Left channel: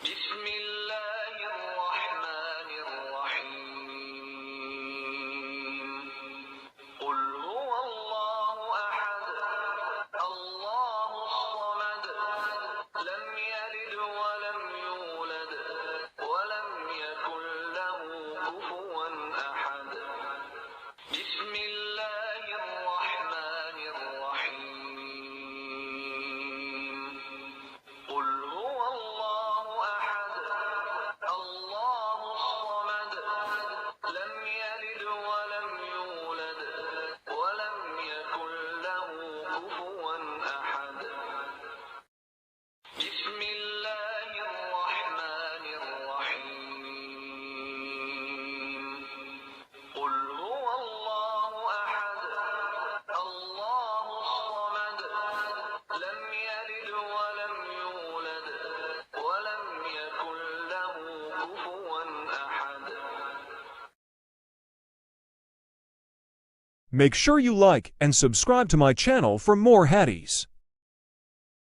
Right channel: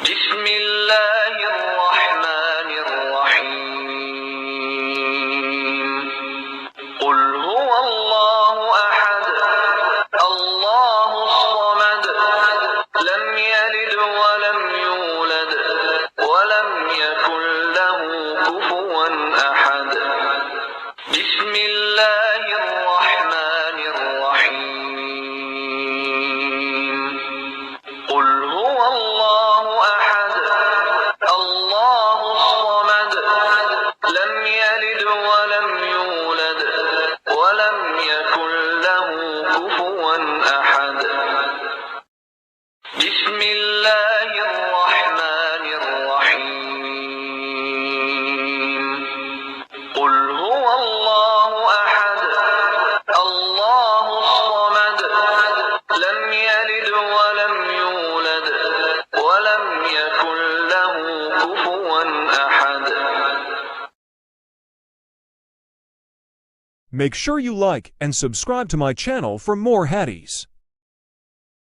بسم الله الرحمن الرحيم قل هو الله أحد الله الصمد لم يلد ولم يولد ولم يكن له كفوا أحد بسم الله الرحمن الرحيم قل هو الله أحد الله الصمد لم يلد ولم يولد ولم يكن له كفوا أحد بسم الله الرحمن الرحيم قل هو الله أحد الله الصمد لم يلد ولم يولد ولم يكن له كفوا أحد. Make sure you like and subscribe to my channel for more Haddies.